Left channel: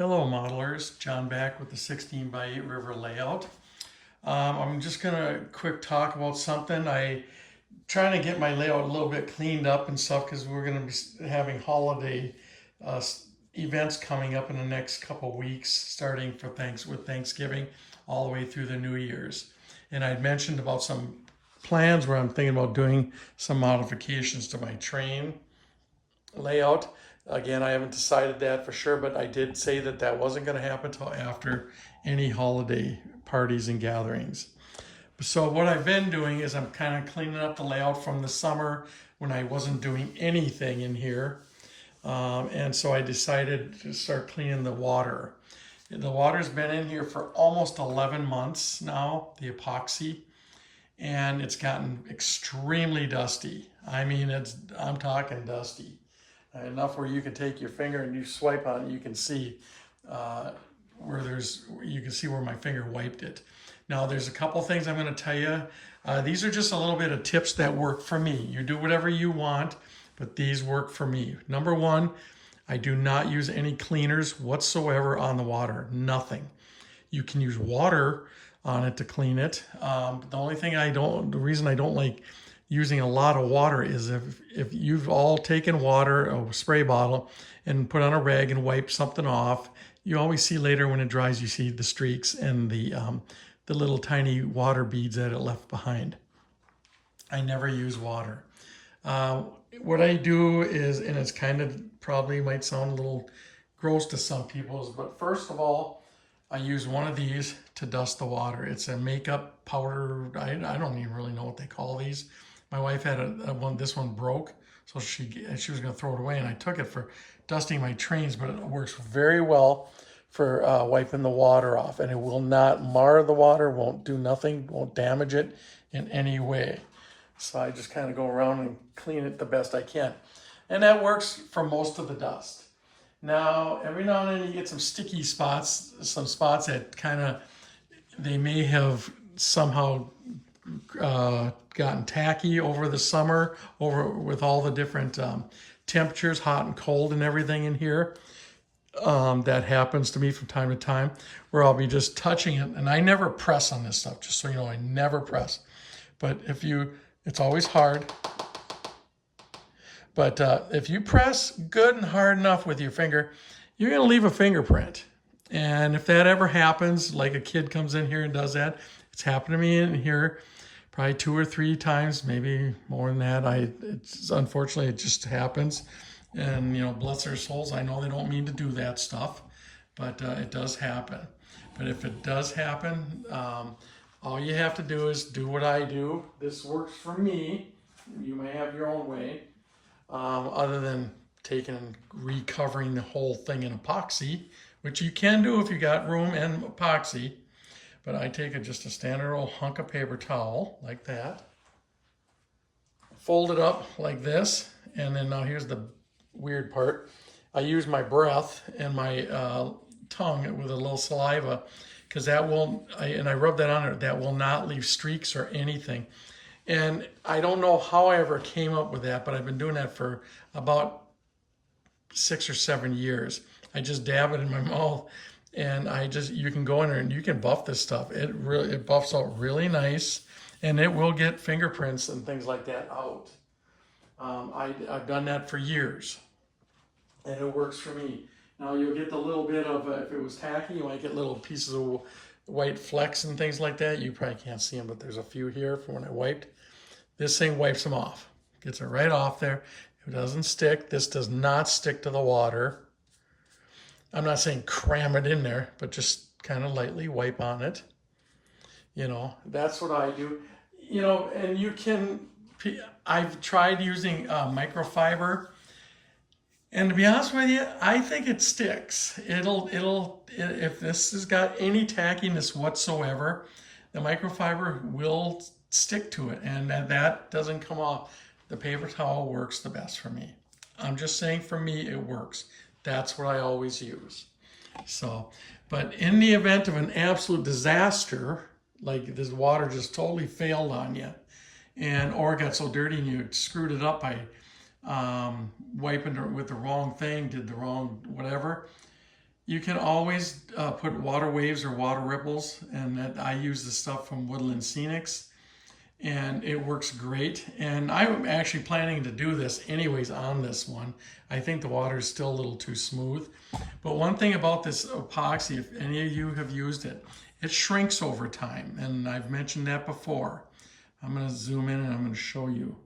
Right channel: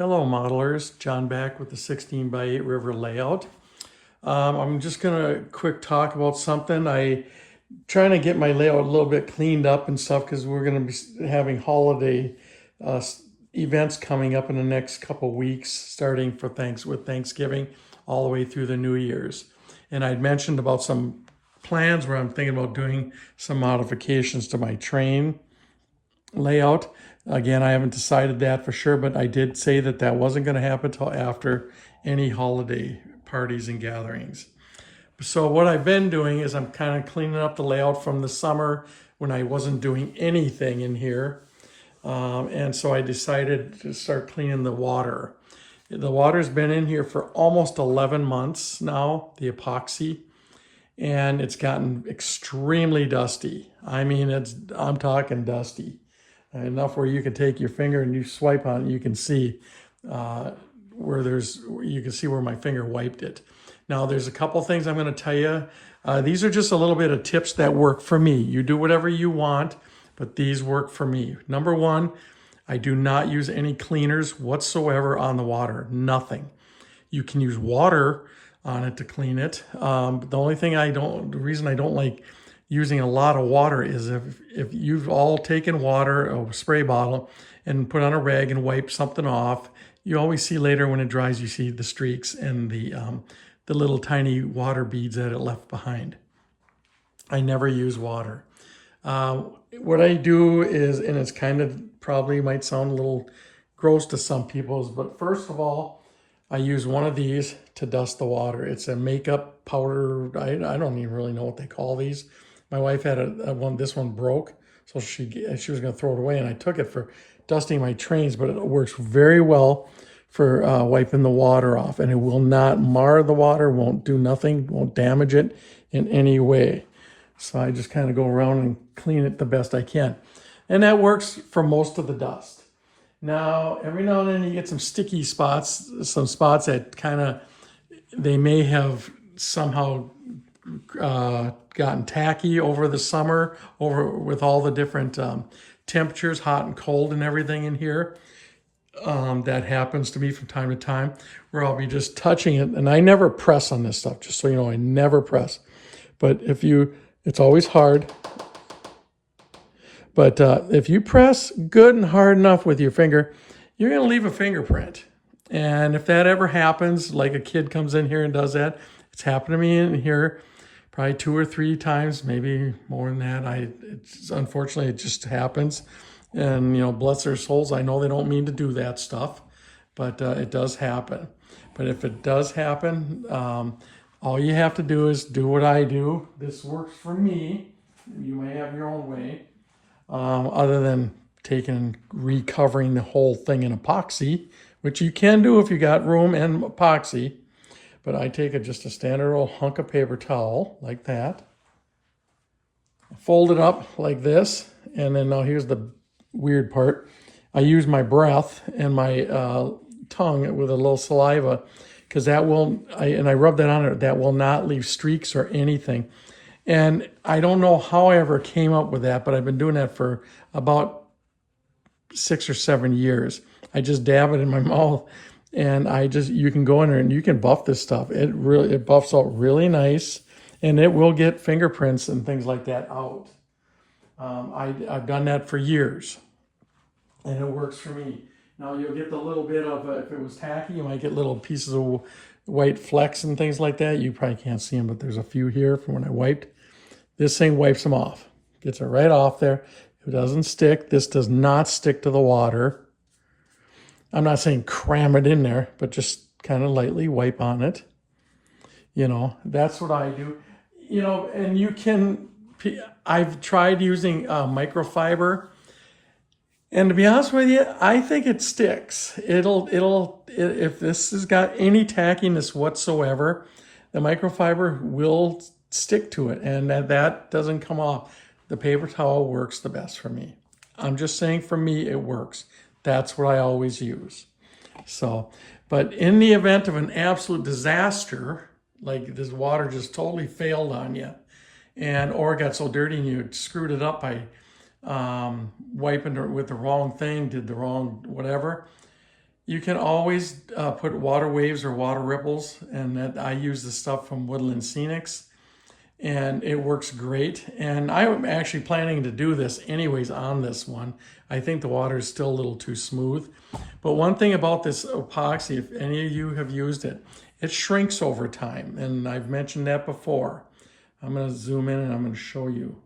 Hello modelers, John back with the 16 by 8 river layout. I'm just gonna quick talk about something. I trying to get my layout a little bit cleaned up and stuff because we're gonna be having holiday uh, events coming up in the next couple weeks, starting with Thanksgiving all the way through the New Year's. And I'd mentioned about some plans where I'm thinking about doing some modifications to my train layout. Again, I haven't decided that for sure, but I did say that that wasn't going to happen until after any holiday parties and gatherings. So what I've been doing is I'm kind of cleaning up the layout from the summer when I wasn't doing anything in here. And so I decided to start cleaning the water. The water's been in here for almost 11 months now, the epoxy, and it's gotten extremely dusty. I mean, I'm talking dusty. Enough where you can take your finger and you swipe on it, you can see you can see where my finger wiped it. Now there's a couple things I'm going to tell you. These are just a little bit of tips that work for me. You do whatever you want, but these work for me. Number one, I do not use any cleaners whatsoever on the water. Nothing. You can use water on it to clean it. The reason I don't like using a lot of water is if you've all taken water, a spray bottle, and put on a rag and wipe something off, you always see later when it dries, you see the streaks and the little tiny water beads that it left behind. I never use water. What I do is, and it's kind of probably might sound a little gross to some people, but first of all, I use one of these to dust the water. It's a makeup powder. I don't even really know what they call these. My wife had this one broke, so she was going to throw it away, and I took it for dusting my trains, but it works very well for wiping the water off, and it will not mar the water, won't do nothing, won't damage it in any way. So I just kind of go around and clean it the best I can. And that works for most of the dust. Now, every now and then you get some sticky spots, some spots that they may have somehow gotten tacky over the summer, with all the different temperatures, hot and cold and everything in here. That happens to me from time to time, where I'll be just touching it, and I never press on this stuff, just so you know, I never press. But it's always hard. But if you press good and hard enough with your finger, you're going to leave a fingerprint. And if that ever happens, like a kid comes in here and does that, it's happened to me in here probably 2 or 3 times, maybe more than that. Unfortunately, it just happens. And, bless their souls, I know they don't mean to do that stuff, but it does happen. But if it does happen, all you have to do is do what I do. This works for me. You may have your own way, other than taking and recovering the whole thing in epoxy, which you can do if you got room and epoxy. But I take just a standard old hunk of paper towel like that, fold it up like this, and then now here's the weird part. I use my breath and my tongue with a little saliva, because I rub that on it. That will not leave streaks or anything. And I don't know how I ever came up with that, but I've been doing that for about 6 or 7 years. I just dab it in my mouth, and you can go in there and you can buff this stuff. It buffs out really nice, and it will get fingerprints and things like that out. I've done that for years, and it works for me. Now you'll get the little bit of, if it was tacky, you might get little pieces of white flecks and things like that. You probably can't see them, but there's a few here from when I wiped. This thing wipes them off. Gets it right off there. It doesn't stick. This does not stick to the water. I'm not saying cram it in there, but just kind of lightly wipe on it. That's what I do. And I've tried using microfiber, and to be honest with you, I think it sticks. If this has got any tackiness whatsoever, the microfiber will stick to it, and that doesn't come off. The paper towel works the best for me. I'm just saying, for me, it works. That's what I always use. So, but in the event of an absolute disaster, like this water just totally failed on you, or it got so dirty and you screwed it up by wiping it with the wrong thing, did the wrong whatever, You can always put water waves or water ripples, and that I use the stuff from Woodland Scenics, and it works great. And I'm actually planning to do this anyways on this one. I think the water is still a little too smooth. But one thing about this epoxy, if any of you have used it, it shrinks over time, and I've mentioned that before. I'm going to zoom in and I'm going to show you.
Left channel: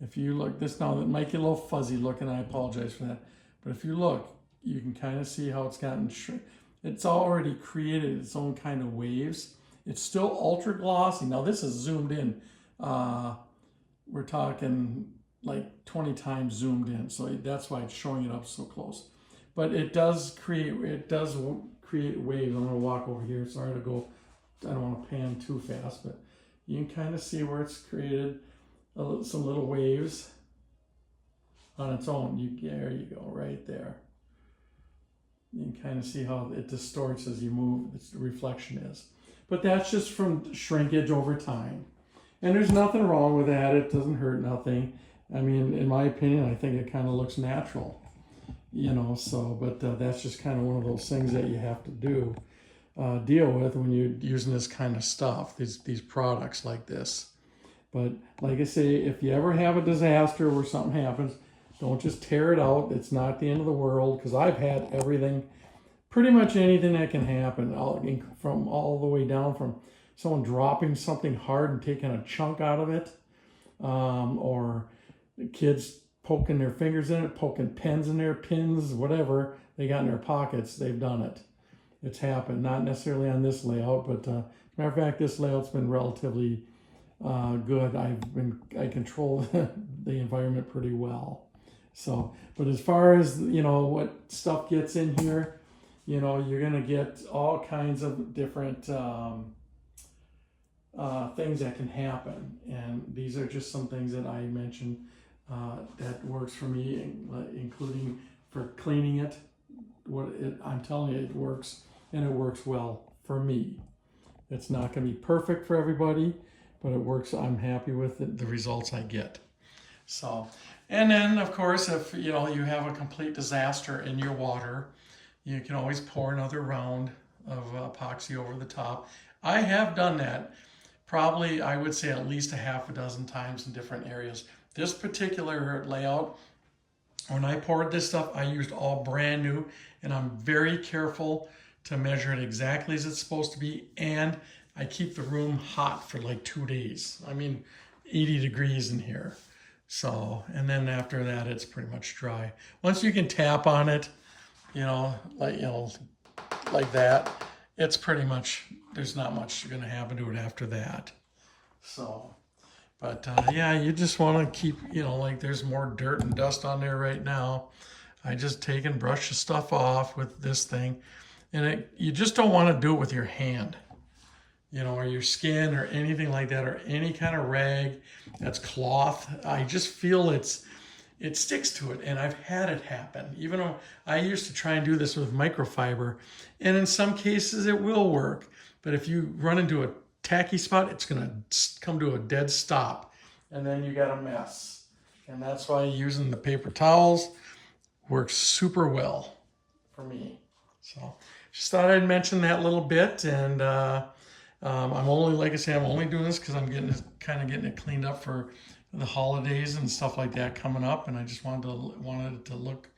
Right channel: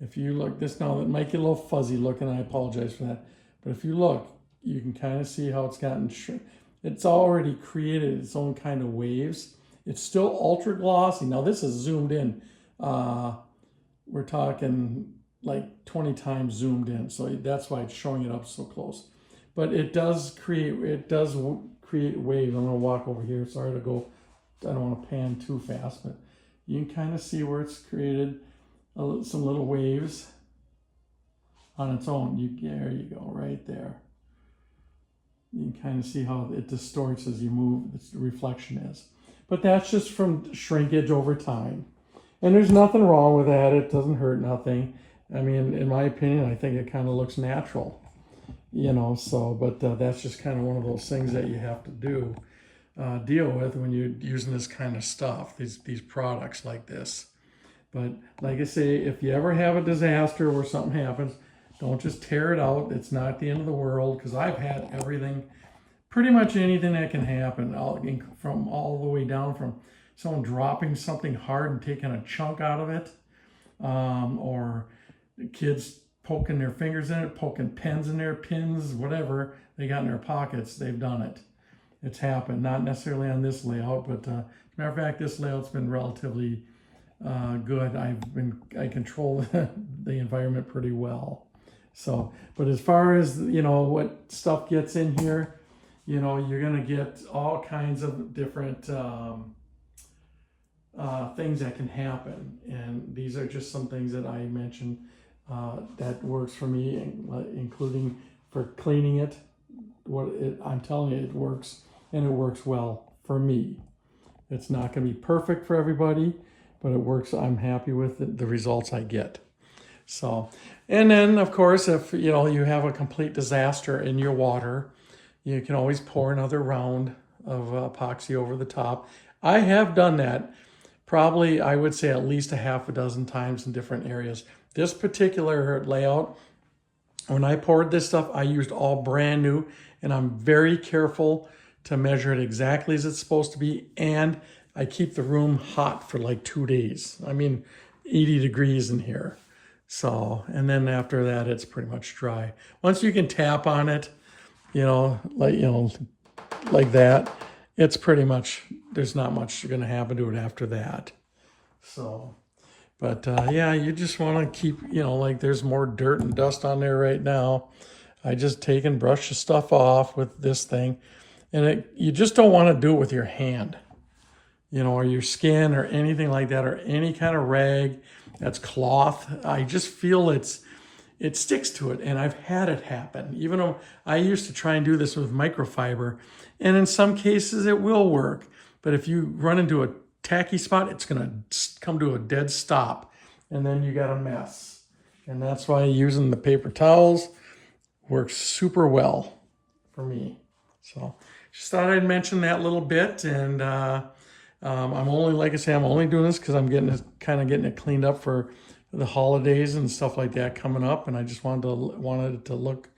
If you look, this now, that might get a little fuzzy looking, I apologize for that. But if you look, you can kind of see how it's gotten it's already created its own kind of waves. It's still ultra glossy. Now this is zoomed in. We're talking like 20 times zoomed in, so that's why it's showing it up so close. But it does create waves. I'm gonna walk over here. Sorry to go, I don't want to pan too fast, but you can kind of see where it's created some little waves on its own. There you go, right there. You can kind of see how it distorts as you move, the reflection is. But that's just from shrinkage over time. And there's nothing wrong with that. It doesn't hurt nothing. I mean, in my opinion, I think it kind of looks natural, you know, so, but that's just kind of one of those things that you have to deal with when you're using this kind of stuff, these products like this. But like I say, if you ever have a disaster where something happens, don't just tear it out. It's not the end of the world, because I've had everything, pretty much anything that can happen, from all the way down from someone dropping something hard and taking a chunk out of it, or kids poking their fingers in it, poking pens in there, pins, whatever they got in their pockets. They've done it. It's happened. Not necessarily on this layout, but as a matter of fact, this layout's been relatively good. I control the environment pretty well. So, but as far as, you know, what stuff gets in here, you know, you're going to get all kinds of different things that can happen. And these are just some things that I mentioned that works for me, including for cleaning it. I'm telling you, it works, and it works well for me. It's not going to be perfect for everybody, but it works. I'm happy with the results I get. So, and then of course, if you know you have a complete disaster in your water, you can always pour another round of epoxy over the top. I have done that probably, I would say, at least a half a dozen times in different areas. This particular layout, when I poured this stuff, I used all brand new, and I'm very careful to measure it exactly as it's supposed to be, and I keep the room hot for like 2 days. I mean, 80 degrees in here. So, and then after that, it's pretty much dry. Once you can tap on it, like that, it's pretty much, there's not much going to happen to it after that. So, but yeah, you just want to keep, like there's more dirt and dust on there right now. I just take and brush the stuff off with this thing, and you just don't want to do it with your hand, or your skin or anything like that, or any kind of rag that's cloth. I just feel it sticks to it, and I've had it happen. Even though I used to try and do this with microfiber, and in some cases it will work, but if you run into a tacky spot, it's gonna come to a dead stop, and then you got a mess. And that's why using the paper towels works super well for me. So just thought I'd mention that little bit, and I'm only, like I say, I'm only doing this because I'm getting it cleaned up for the holidays and stuff like that coming up, and I just wanted it to look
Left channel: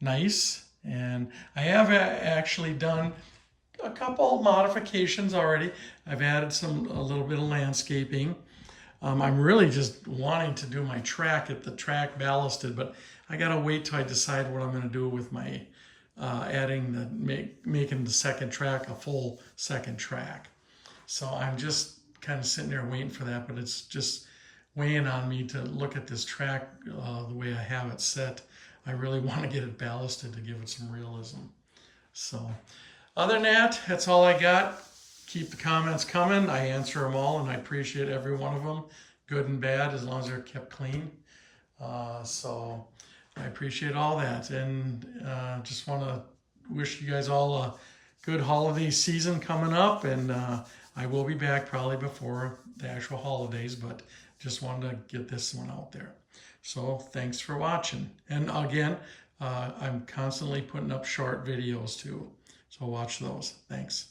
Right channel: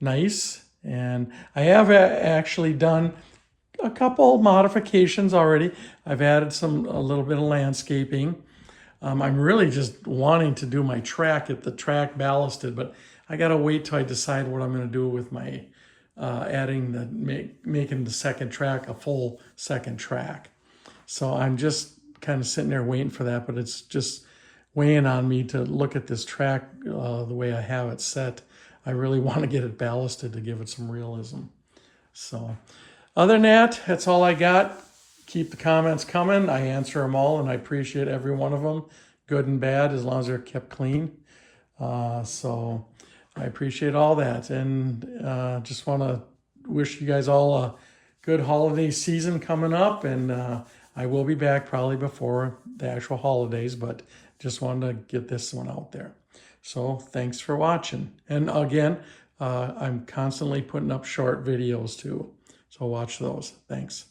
nice. And I have actually done a couple modifications already. I've added a little bit of landscaping. I'm really just wanting to do my track, get the track ballasted, but I gotta wait till I decide what I'm gonna do with my making the second track a full second track. So I'm just kind of sitting there waiting for that, but it's just weighing on me to look at this track the way I have it set. I really want to get it ballasted to give it some realism. So other than that, that's all I got. Keep the comments coming. I answer them all, and I appreciate every one of them, good and bad, as long as they're kept clean. So I appreciate all that, and just want to wish you guys all a good holiday season coming up, and I will be back probably before the actual holidays, but just wanted to get this one out there. So thanks for watching. And again, I'm constantly putting up short videos too. So watch those. Thanks.